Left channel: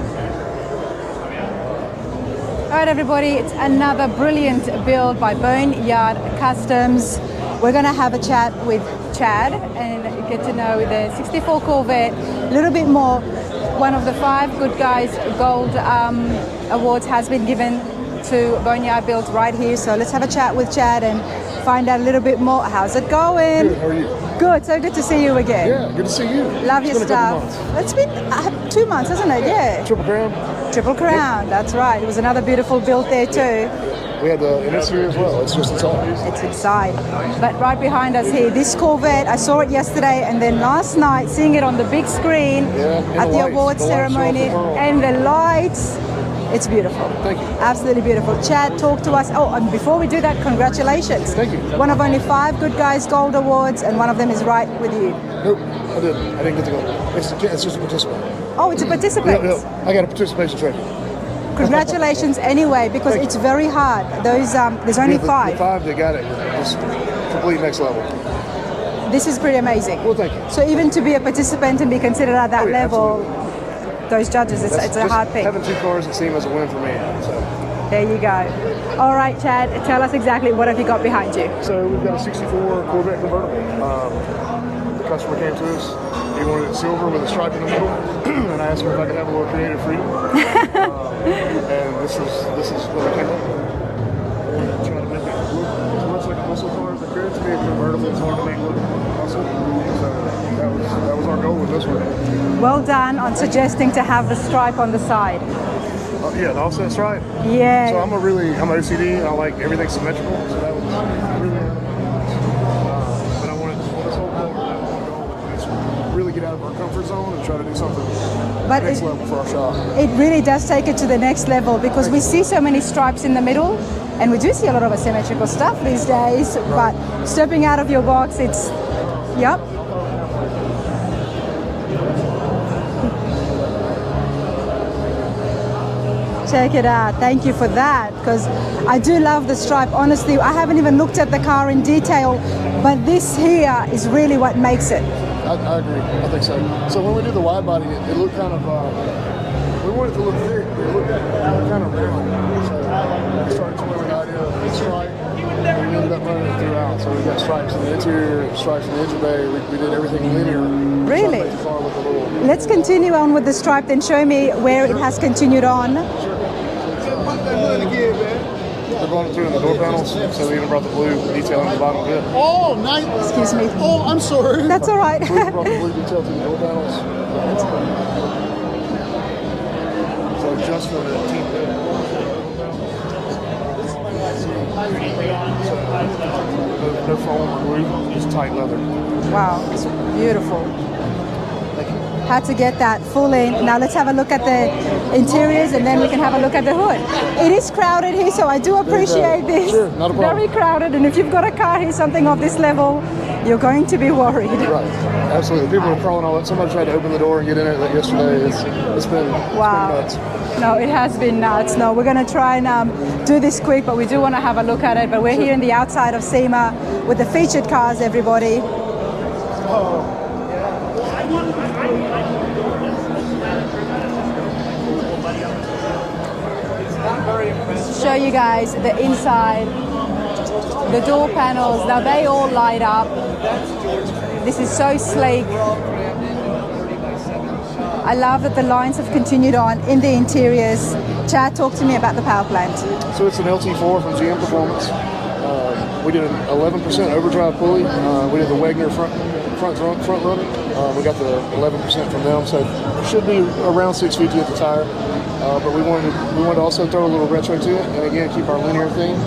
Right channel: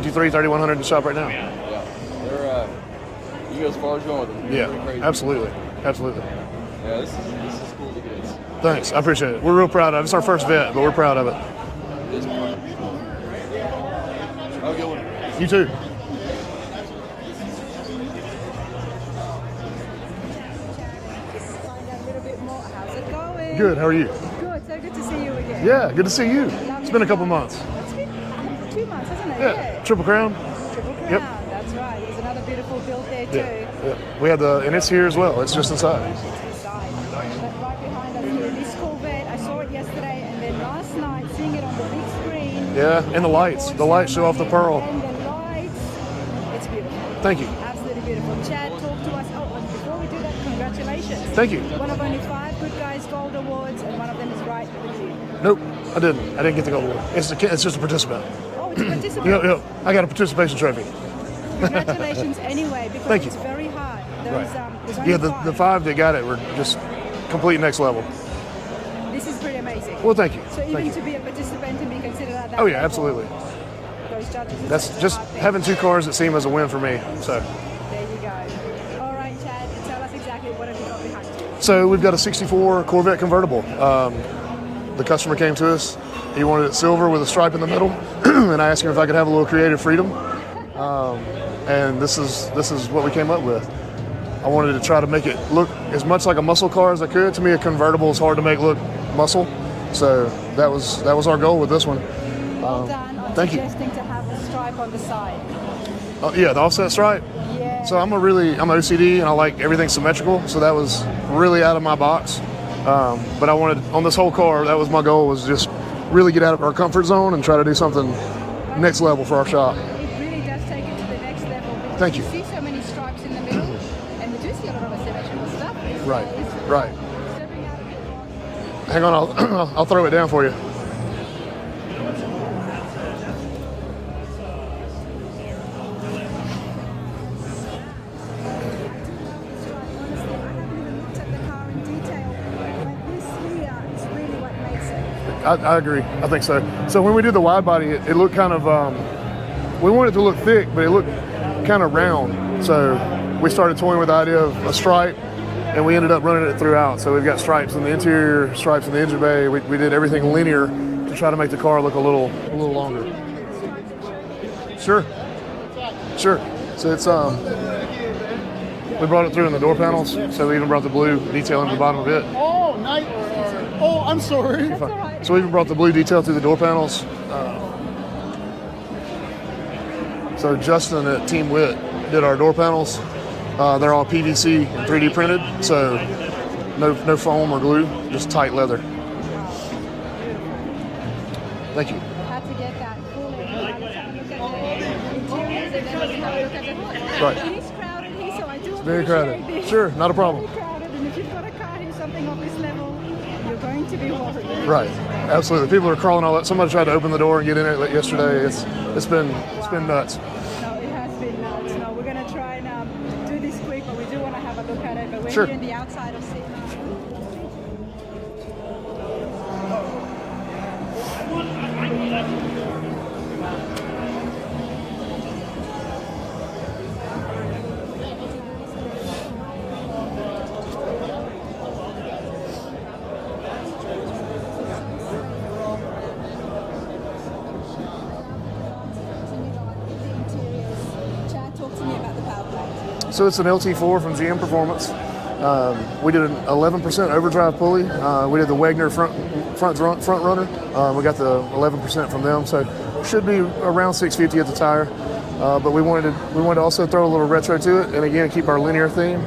53, 3100 in the shop right now. All right, everybody, it's another brilliant build absolutely. by Boneyard Customs. We're going to have a chat Thanks, with I appreciate Chad. it. We're real proud of it. It's our first vet, but we're proud of it. 64 Corvette, a little bit more. One of the 5 Good Guys Gold awards has been given to Boneyard Builds right here. So let's have a chat with Chad and find out a little bit more. How's it going? Good, how are you? Good, so good to see you again. Yeah, good to see you. Love it's your been stuff. a couple months. It's been 2 months, hasn't it? Yeah. Triple Crown? Triple Crown, that's right. It was another beautiful build there too. We had and it's here as well. It's just inside. It's inside. But right behind us here, this Corvette, I saw it yesterday and then last night, seeing it on the big screen at the award ceremony. And the lights. It's beautiful. Thank you. Absolutely beautiful. Chad, talk to us. Oh, and before we do that, congratulations. Thank you. One of only 5 Good Guys Gold Awards, and one of them is right with you. Nope, I didn't get to go. It's just a participant. Oh, it's a participant. Yeah, I got a participation trophy. Congratulations anyway, because it's very hard. Those there's only 5. The 5 that got it were just complete next level. This is pretty amazing. Well, thank you. So even to be a participant and be considered at that level, absolutely. Those judges, it's a hard thing. Having 2 cars at Sema is a win for me. So there you go. All right, Chad, tell us exactly what have you got behind you. So we've got a 64 Corvette convertible. The customer came to us. He wanted it silver with a stripe in the middle, and I asked him if I could have a little creative freedom. And this is what we came up with. I wanted to try to make it look as much like a muscle car as I could. To me, a convertible is hard to make look muscle, so that was our goal with this one. Well done on suggesting to have the stripe on the side. Yeah, the offset stripe. Yeah. So I'm OCD and I like everything symmetrical, so that was really out of my box. But I wanted, on this whole car, that was my goal, was just really get out of our comfort zone and try to do something next level for our shop. It really does take it to the next level because we see so many stripes in the middle, and we do see a lot of asymmetrical stuff these days, but stepping out of your box, it's... Hang on, I'll throw it down for you. Check it out. Thank you for that, because I do love the stripe. Honestly, I haven't even looked at the car in detail, but this here is really what makes it. I agree. I think so. So when we did the wide body, it looked kind of, we wanted it to look thick, but it looked kind of round. So we started toying with the idea of a stripe, and we ended up running it throughout. So we've got stripes in the interior, stripes in the engine bay. We did everything linear. Really? Trying to make the car look a little... Let's continue on with the stripe, then show me where it has continued on. Sure. So it's, we brought it through in the door panels, so we even brought the blue detail in the bottom of it. Oh, nice. Excuse me. Oh, I'm sorry. That's all right. So we even brought the blue detail through the door panels. So Justin at Team Wit did our door panels. They're all PVC 3D printed, so no foam or glue, just tight leather. Wow, it's beautiful. Thank you. Had to get that full in. Now let's have a look at the interiors and then we can have a look at the hood. It is crowded here, so I do appreciate this. Sure, not a problem. Very crowded, and if you've got a car here, something of this level, you're going to be worried. Right, absolutely. People are crawling all that. Somebody tried to open the door and get in it like yesterday. It's been nuts. No, it has been nuts. No, we're going to try and do this quick, but we do want to have a look at it. But we're here in the outside of Sema with the featured cars, everybody. Show you guys the inside, the door panels. Now they all light up. This is so sleek. I love that the lines have continued on in the interiors. Chad, talk to me about the power plant. So it's an LT4 from GM Performance. We did an 11% overdrive pulley. We did the Wagner front runner. We got the 11% from them, so it should be around 650 at the tire. But we wanted to also throw a little retro to it, and again keep our linear theme.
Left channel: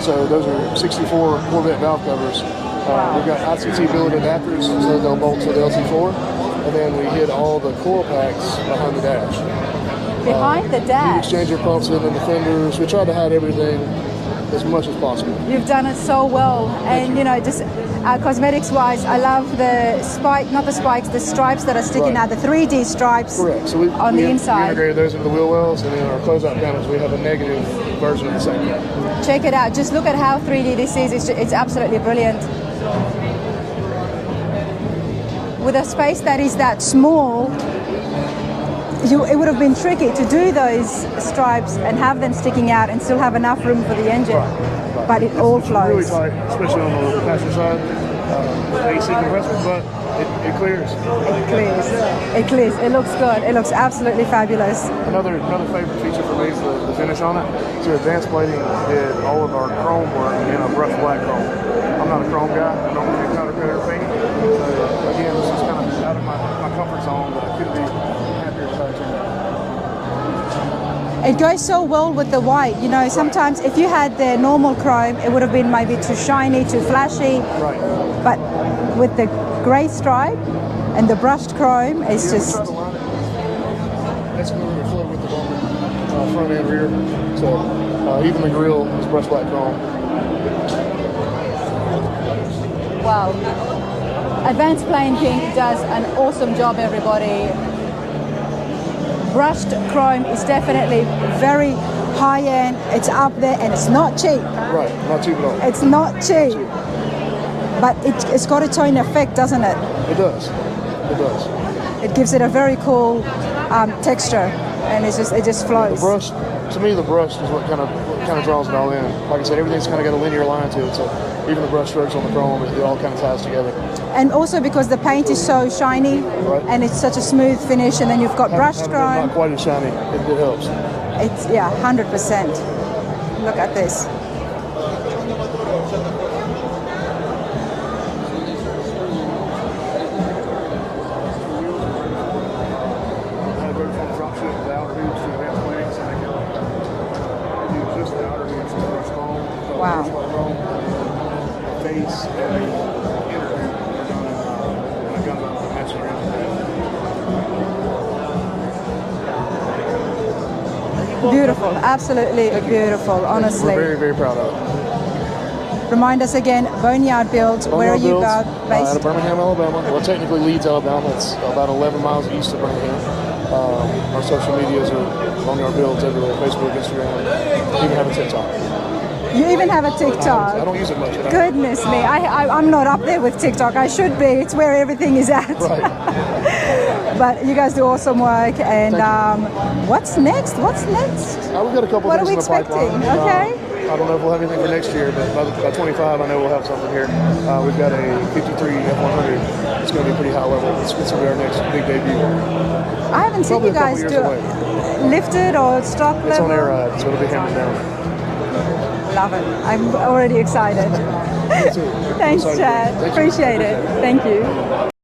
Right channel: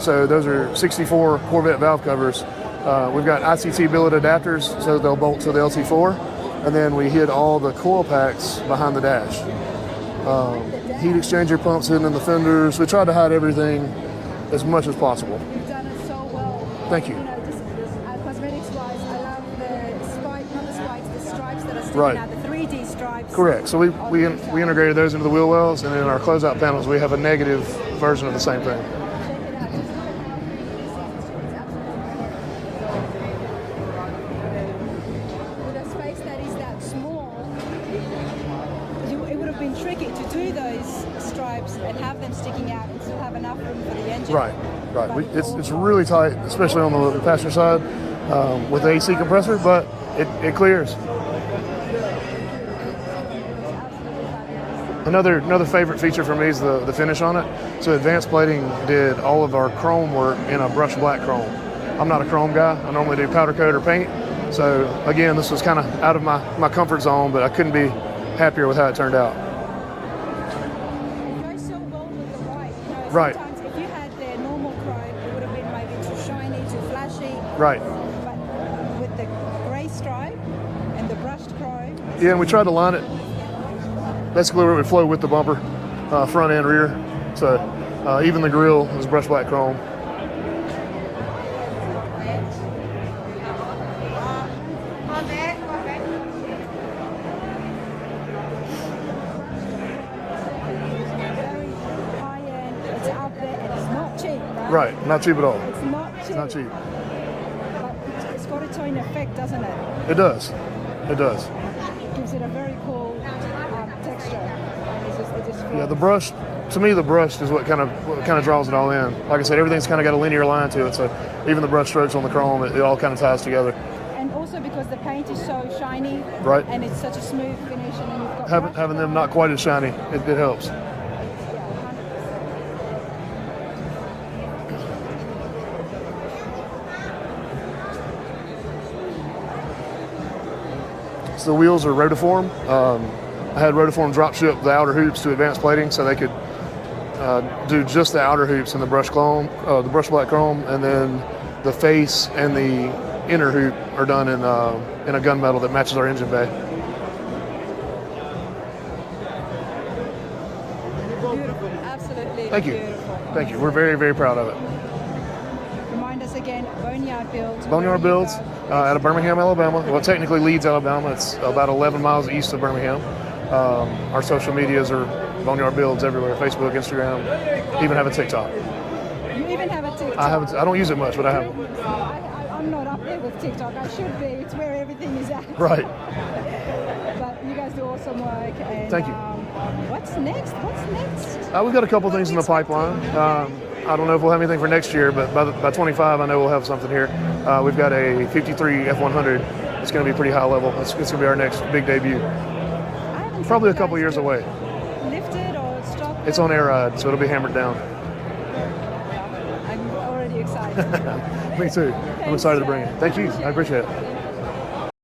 So those are 64 Corvette valve covers. We've got ICT billet adapters, so they'll bolt to the LT4, and then we hid all the coil packs behind the dash. Behind the dash? Heat exchanger pumps in the fenders. We tried to hide everything as much as possible. You've done it so well. Thank you. Know, just cosmetics-wise, I love the the stripes that are sticking out, the 3D stripes. Correct. So on the inside. We integrated those into the wheel wells, and then our closeout panels, we have a negative version of the same thing. Check it out. Just look at how 3D this is. It's absolutely brilliant. With a space that is that small, it would have been tricky to do those stripes and have them sticking out and still have enough room for the engine. Right. But it all it's flows. really tight, especially on the passenger side with the AC compressor, but it clears. It clears. It clears. It looks good. It looks absolutely fabulous. Another favorite feature for me is the finish on it. So Advanced Plating did all of our chrome work in a brushed black chrome. I'm not a chrome guy. I normally do powder coat or paint. So again, this was kind of out of my comfort zone, but I couldn't be happier with how it turned out. It goes so well with the white. You know, sometimes if you had the normal chrome, it would have been maybe too shiny, too flashy. Right. But with the grey stripe and the brushed chrome, it's just... we tried to line it basically where it would flow with the bumper, front and rear. So, even the grille was brushed black chrome. Wow. Advanced Painting does an awesome job, everybody. Brushed chrome is definitely very high-end. It's up there and it's not cheap. Right, not cheap at all. It's not cheap. But it's got its own effect, doesn't it? It does. It does. It gives it a very cool texture, and it just flows. The brush, to me, the brush is what kind of draws it all in. Like I said, everything's kind of got a linear line to it, so even the brush strokes on the chrome, it all kind of ties together. And also because the paint is so shiny, right, and it's such a smooth finish, and then you've got brushed chrome. Not quite as shiny, it helps. It's 100%. Look at this. So the wheels are rotiform. I had rotiform drop ship the outer hoops to Advanced Plating, so they could do just the outer hoops in the brushed chrome, brushed black chrome, and then the face and the inner hoop are done in a gunmetal that matches our engine bay. Beautiful, absolutely beautiful, honestly. We're very, very proud of it. Remind us again, Boneyard Builds, where are you based? Out of Birmingham, Alabama. Well, technically Leeds, Alabama. It's about 11 miles east of Birmingham. Our social medias are Boneyard Builds everywhere, Facebook, Instagram, even have a TikTok. You even have a TikTok? I don't use it much, but Goodness me, I'm not up there with TikTok. I should be. It's where everything is at. Right. But you guys do awesome work. And what's next? What's next? We've got a couple things in the pipeline. Okay. I don't know if we'll have anything for next year, but by 25, I know we'll have something here. We've got a 53 F100. It's going to be pretty high level. It's going to be our next big debut. I haven't seen you guys do it. Lifted or stock level? It's on air ride, so it'll be hammered down. Love it. I'm already excited. Thanks, Chad. Appreciate it. Thank you.